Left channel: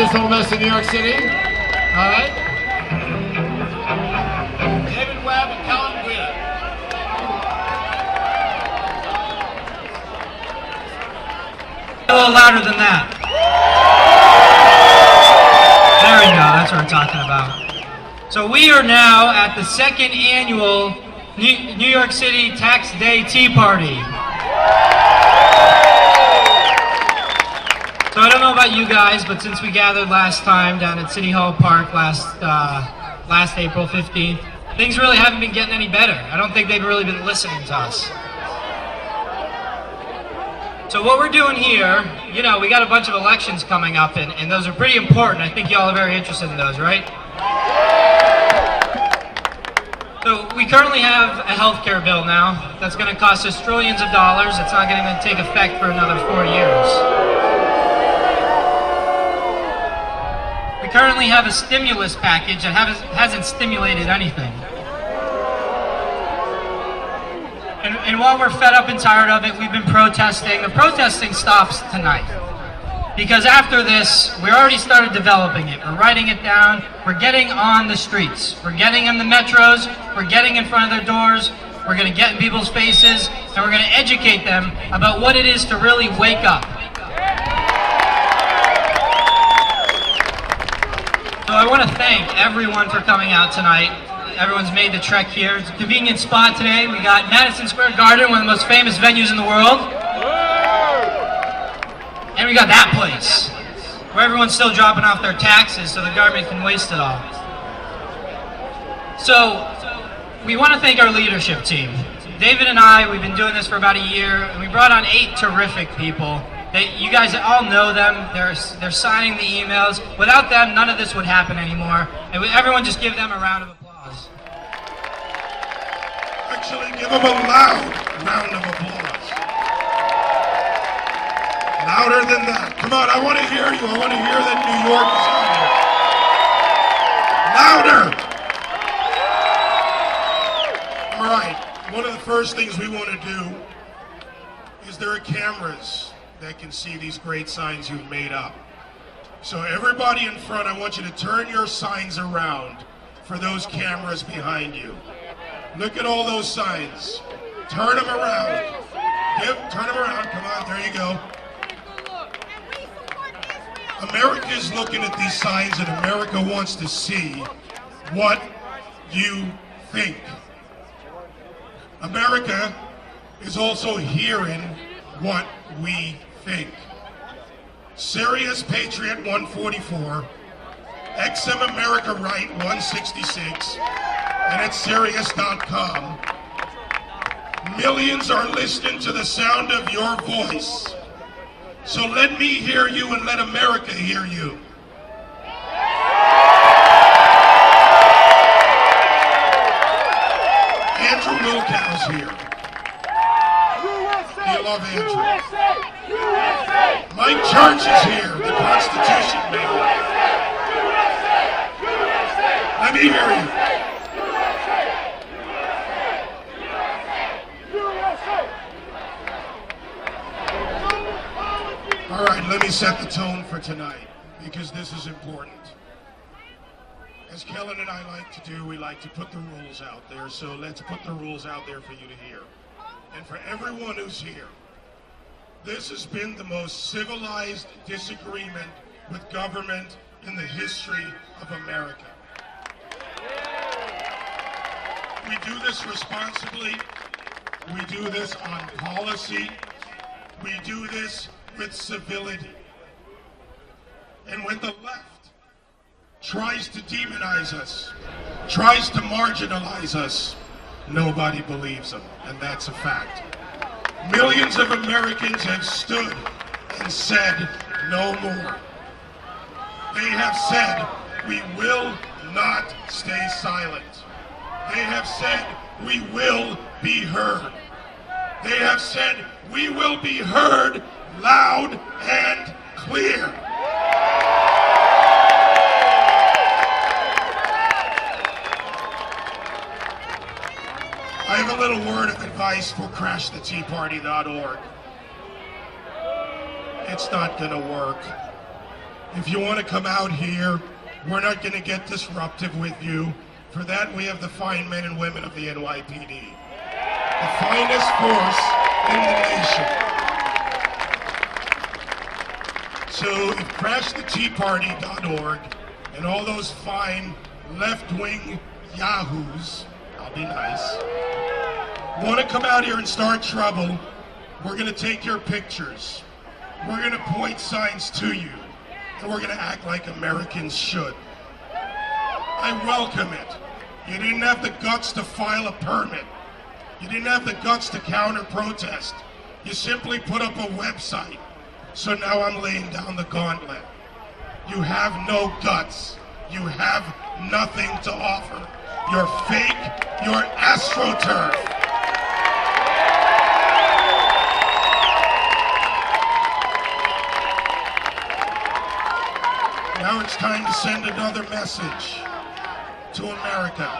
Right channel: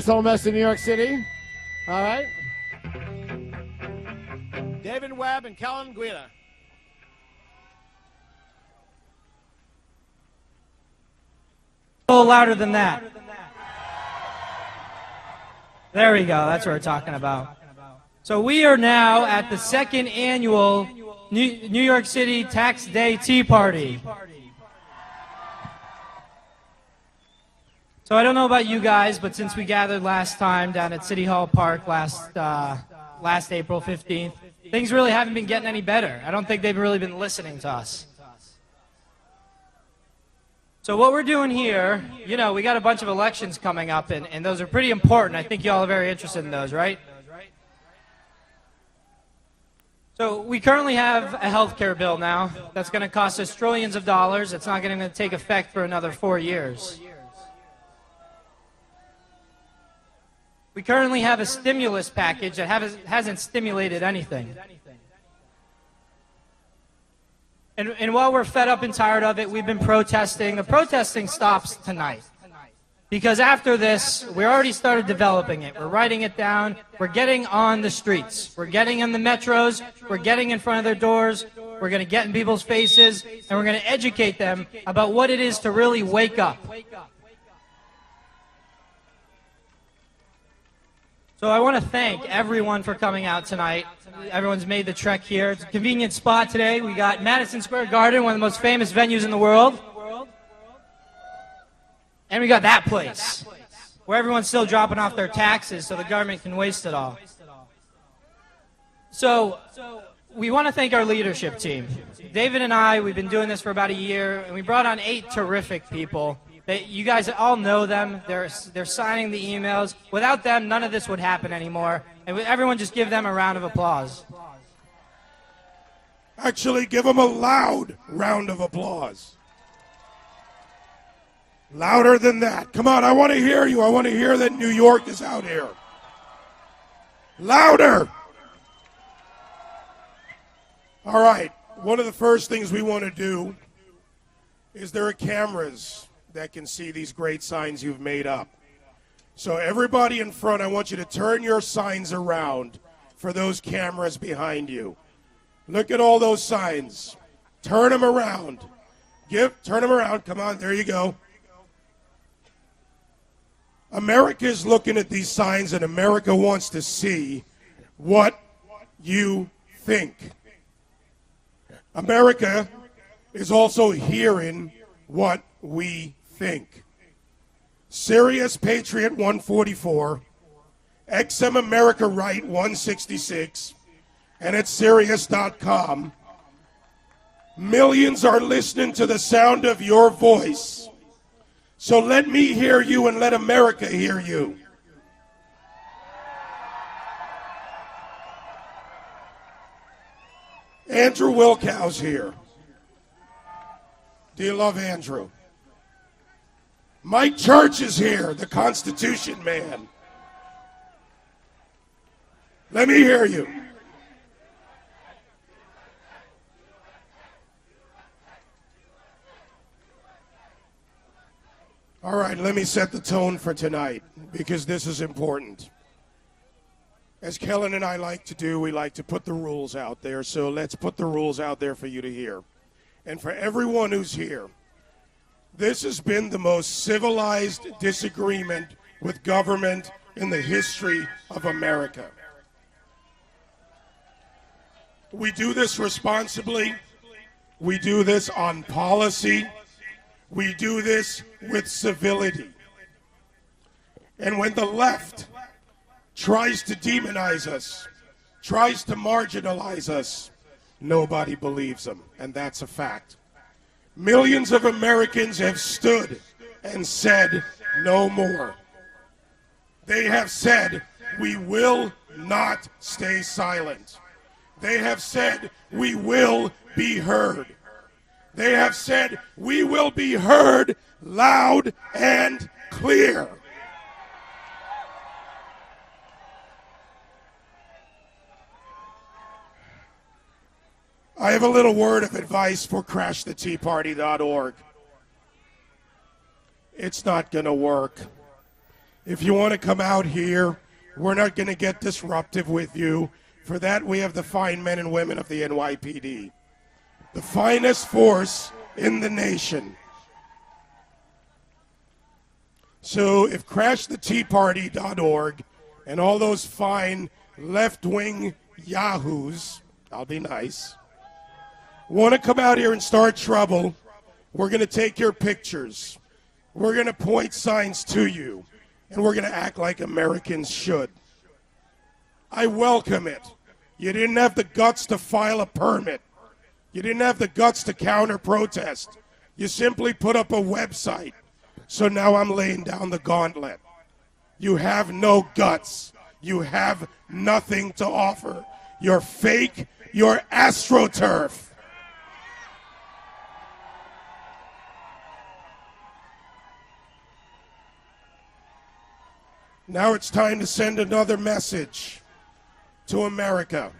this from Western New York City. All right. David Webb and Kellen, Giuda. A little louder than that. There we go, that's what we're talking about. So we are now at the second annual New York City Tax Day Tea Party. So I don't know about you guys, but since we gathered last time down at City Hall Park last April 15th, things really haven't been getting any better. I don't think they've really been listening to us. So what we're doing here, you know, we got a bunch of elections coming up, and those are pretty important. I think y'all are very interested in those, right? So we currently have a healthcare bill now that's going to cost us trillions of dollars. It's not going to take effect for another 4 years. We currently have a stimulus package that hasn't stimulated anything. And while we're fed up and tired of it, we've been protesting. The protesting stops tonight. Because after this, we already started developing it. We're writing it down. We're getting on the streets. We're getting in the metros. We're getting in front of the doors. We're going to get in people's faces. And we're going to educate them about what it is to really wake up. So I want to thank everyone for coming out tonight. Everyone's made the trek here. It's a convenient spot today. We got Madison Square Garden, one of the most famous venues in the world. And we got that place, where everyone's still dropping off their taxes so the government can waste it all. So, we want to thank our leadership team. David and I, we've been doing this for about a year, and we brought on 8 terrific people. You guys all know them. They're signing the emails. Without them, none of this would happen anymore. And everyone just give them a round of applause. Actually, give them a loud round of applause. Louder than that. Come on, I want to hear you. I want to hear that New York is here. Louder. All right. One of the first things we want to do is there are cameras that can see these great signs you've made up. So everybody in front, I want you to turn your signs around for those cameras behind you. Look at all those signs. Turn them around. Yep, turn them around. Come on, there you go. America is looking at these signs, and America wants to see what you think. America is also hearing what we think. Sirius Patriot 144, XM America Right 166, and at Sirius.com. Millions are listening to the sound of your voice. So let me hear you and let America hear you. Andrew Wilkow's here. We love Andrew. Mike Church is here, the Constitution man. Let me hear you. All right, let me set the tone for tonight, because this is important. As Kellen and I like to do, we like to put the rules out there, so let's put the rules out there for you to hear. And for everyone who's here, this has been the most civilized disagreement with government in the history of America. We do this responsibly. We do this on policy. We do this with civility. And when the left tries to demonize us, tries to marginalize us, nobody believes them, and that's a fact. Millions of Americans have stood and said no more. They have said, we will not stay silent. They have said, we will be heard. They have said, we will be heard loud and clear. I have a little word of advice for CrashTheTeaParty.org. It's not going to work. If you want to come out here, we're not going to get disruptive with you. For that, we have the fine men and women of the NYPD. The finest force in the nation. So if crashtheteaparty.org and all those fine left-wing yahoos, I'll be nice, want to come out here and start trouble, we're going to take your pictures. We're going to point signs to you. And we're going to act like Americans should. I welcome it. You didn't have the guts to file a permit. You didn't have the guts to counter-protest. You simply put up a website. So now I'm laying down the gauntlet. You have no guts. You have nothing to offer. You're fake. You're AstroTurf. Now it's time to send another message to America.